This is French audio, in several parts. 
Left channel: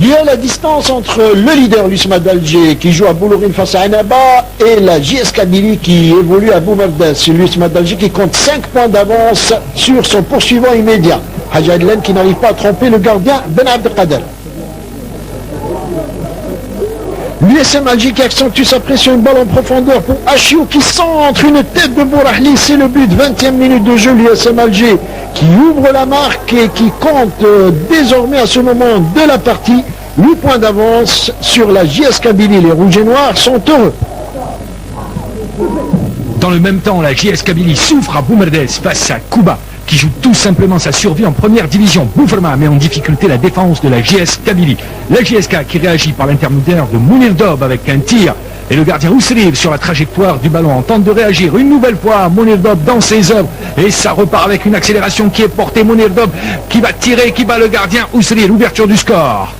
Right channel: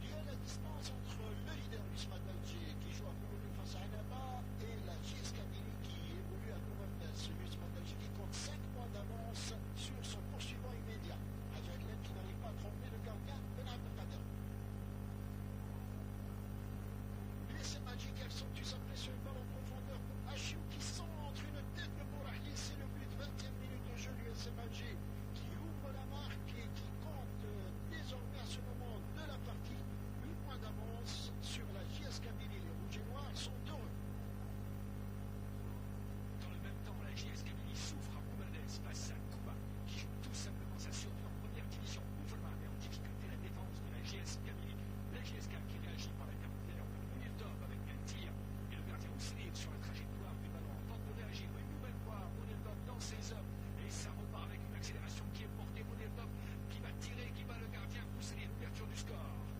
Duel à distance entre le leader l'USMA d'Alger qui joue à Boulourine face à Annaba et la JS Kabylie qui évolue à Boumerdès. L'USMA d'Alger qui compte 5 points d'avance sur son poursuivant immédiat. Hadj Adlen qui n'arrive pas à tromper le gardien Ben Abdelkader. L'USM Alger qui accentue sa pression, une balle en profondeur pour Achiou qui centre une tête de Bourahli, c'est le but, 20e minute de jeu, l'USM Alger qui ouvre la marque et qui compte désormais à ce moment de la partie 8 points d'avance sur la JS Kabylie. Les Rouges et Noirs sont heureux. Dans le même temps, la JS Kabylie souffre à Boumerdès face à Kouba, qui joue tout simplement sa survie en première division. Bouferma met en difficulté la défense de la JS Kabylie. La JSK qui réagit par l'intermédiaire de Mounir Dob avec un tir. Et le gardien Ousriv sur la trajectoire du ballon en tente de réagir. Une nouvelle fois, Mounir Dob dans ses œuvres. Et ça repart avec une accélération qui est portée. Mounir Dob qui va tirer, qui bat le gardien Ousriv. L'ouverture du score.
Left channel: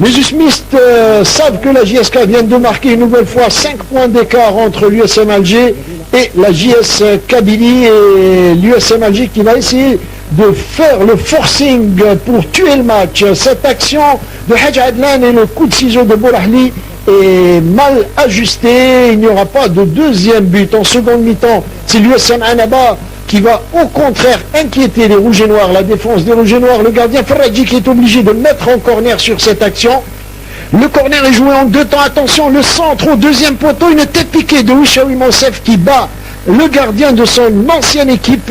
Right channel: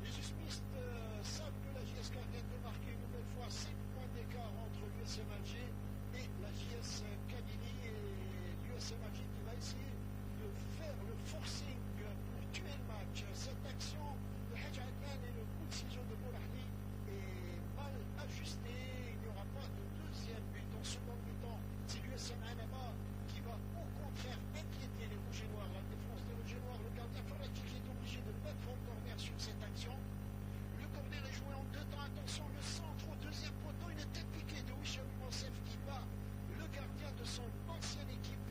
Les usmistes savent que la JSK vient de marquer une nouvelle fois 5 points d'écart entre l'USM Alger et la JS Kabylie, et l'USM Alger qui va essayer de faire le forcing pour tuer le match. Cette action de Hadj Adlan et le coup de ciseau de Bourahli est mal ajusté. Il n'y aura pas de deuxième but. En seconde mi-temps, c'est l'USM Annaba qui va au contraire inquiéter les Rouges et Noirs, la défense des Rouges et Noirs. Le gardien Ferraji qui est obligé de mettre en corner sur cette action. Le corner est joué en 2 temps. Attention, le centre au deuxième poteau, une tête piquée de Wishawi Monsef qui bat le gardien de son ancienne équipe.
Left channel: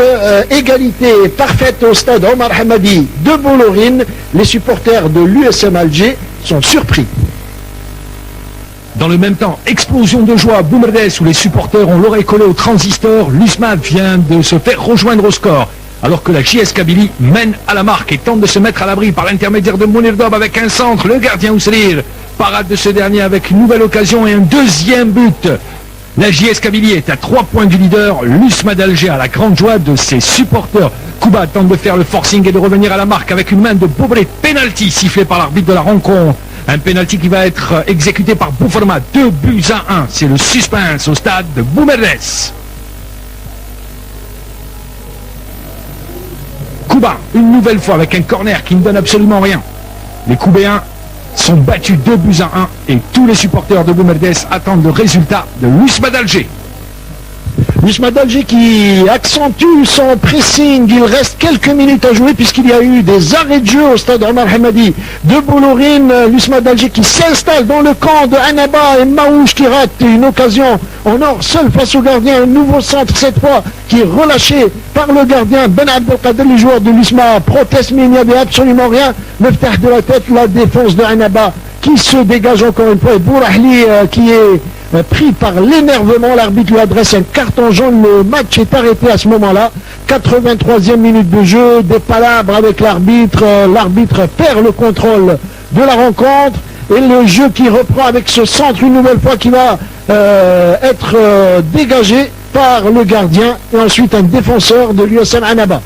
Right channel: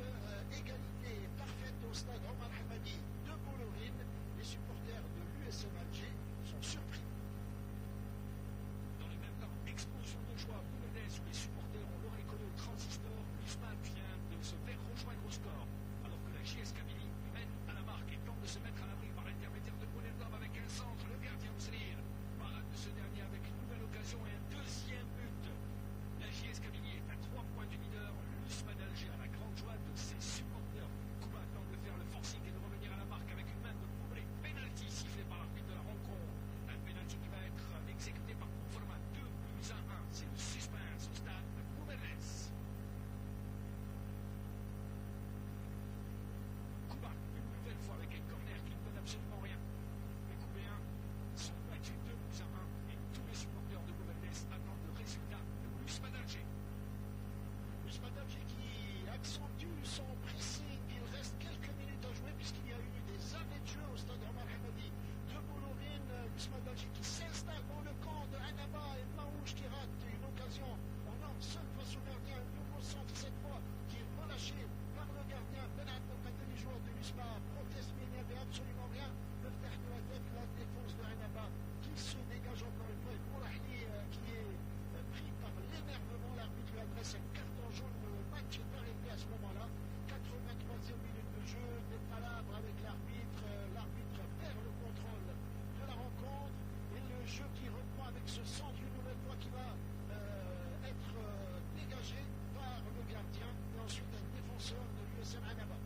Égalité parfaite au stade Omar Hamadi de Boulourine. Les supporters de l'USM Alger sont surpris. Dans le même temps, explosion de joie à Boumerdès où les supporters ont l'oreille collée au transistor. L'USMA vient de se faire rejoindre au score. Alors que la JS Kabylie mène à la marque et tente de se mettre à l'abri par l'intermédiaire de Mounir Dob avec un centre. Le gardien Ousrir, parade de ce dernier avec une nouvelle occasion et un deuxième but. La JS Kabylie est à 3 points du leader. L'USMA d'Alger a la grande joie de ses supporters. Kouba tente de faire le forcing et de revenir à la marque avec une main de Bobré. Penalty sifflé par l'arbitre de la rencontre. Un penalty qui va être exécuté par Bouferma. 2 buts à 1. C'est le suspense au stade de Boumerdès. Kouba, une nouvelle fois avec un corner qui ne donne absolument rien. Les Koubéens sont battus 2 buts à 1 et tous les supporters de Boumerdès attendent le résultat de l'USMA d'Alger. L'USMA d'Alger qui accentue son pressing. Il reste quelques minutes à jouer puisqu'il y a eu des arrêts de jeu au stade Omar Hamadi de Boulourine. L'USMA d'Alger qui s'installe dans le camp de Annaba et Maouche qui rate une occasion en or seul face au gardien. Un nouveau centre cette fois qui est relâché par le gardien Ben Abdelkader. Les joueurs de l'USMA protestent mais il n'y avait absolument rien. Le faire de la tête, la défense de Annaba qui se dégage encore une fois. Et Bourahli qui est pris par l'énervement, l'arbitre lui adresse un carton jaune. Le match est arrêté à ce moment-là. 83e minute de jeu, des palabres avec l'arbitre. L'arbitre perd le contrôle de la rencontre et le jeu qui reprend avec ce centre une nouvelle fois qui va être dégagé par le gardien et ensuite un défenseur de l'USM Annaba.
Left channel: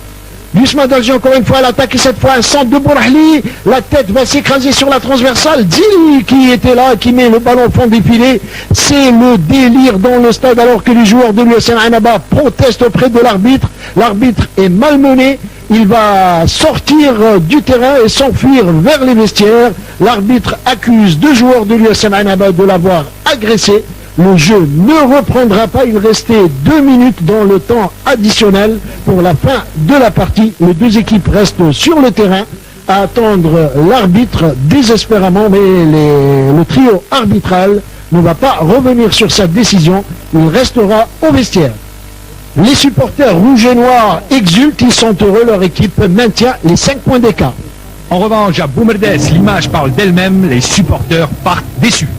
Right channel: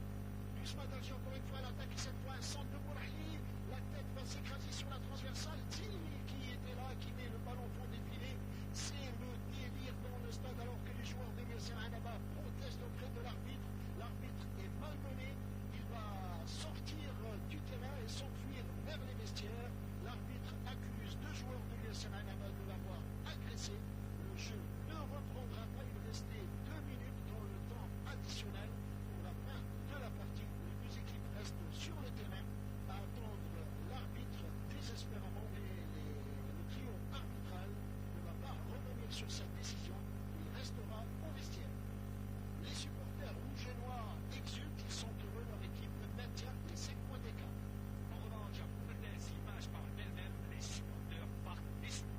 L'USMA d'Alger encore une fois à l'attaque et cette fois un centre de Bourahli. La tête va s'écraser sur la transversale. Dili qui était là, qui met le ballon au fond des filets. C'est le délire dans le stade alors que les joueurs de l'USM Annaba protestent auprès de l'arbitre. L'arbitre est malmené. Il va sortir du terrain et s'enfuir vers les vestiaires. L'arbitre accuse 2 joueurs de l'USM Annaba de l'avoir agressé. Le jeu ne reprendra pas, il restait 2 minutes dans le temps additionnel pour la fin de la partie. Les 2 équipes restent sur le terrain à attendre l'arbitre désespérément, mais le trio arbitral ne va pas revenir sur sa décision, il restera au vestiaire. Les supporters rouges et noirs exultent, ils sont heureux, leur équipe maintient les 5 points d'écart. En revanche, à Boumerdès, l'image parle d'elle-même, les supporters partent déçus.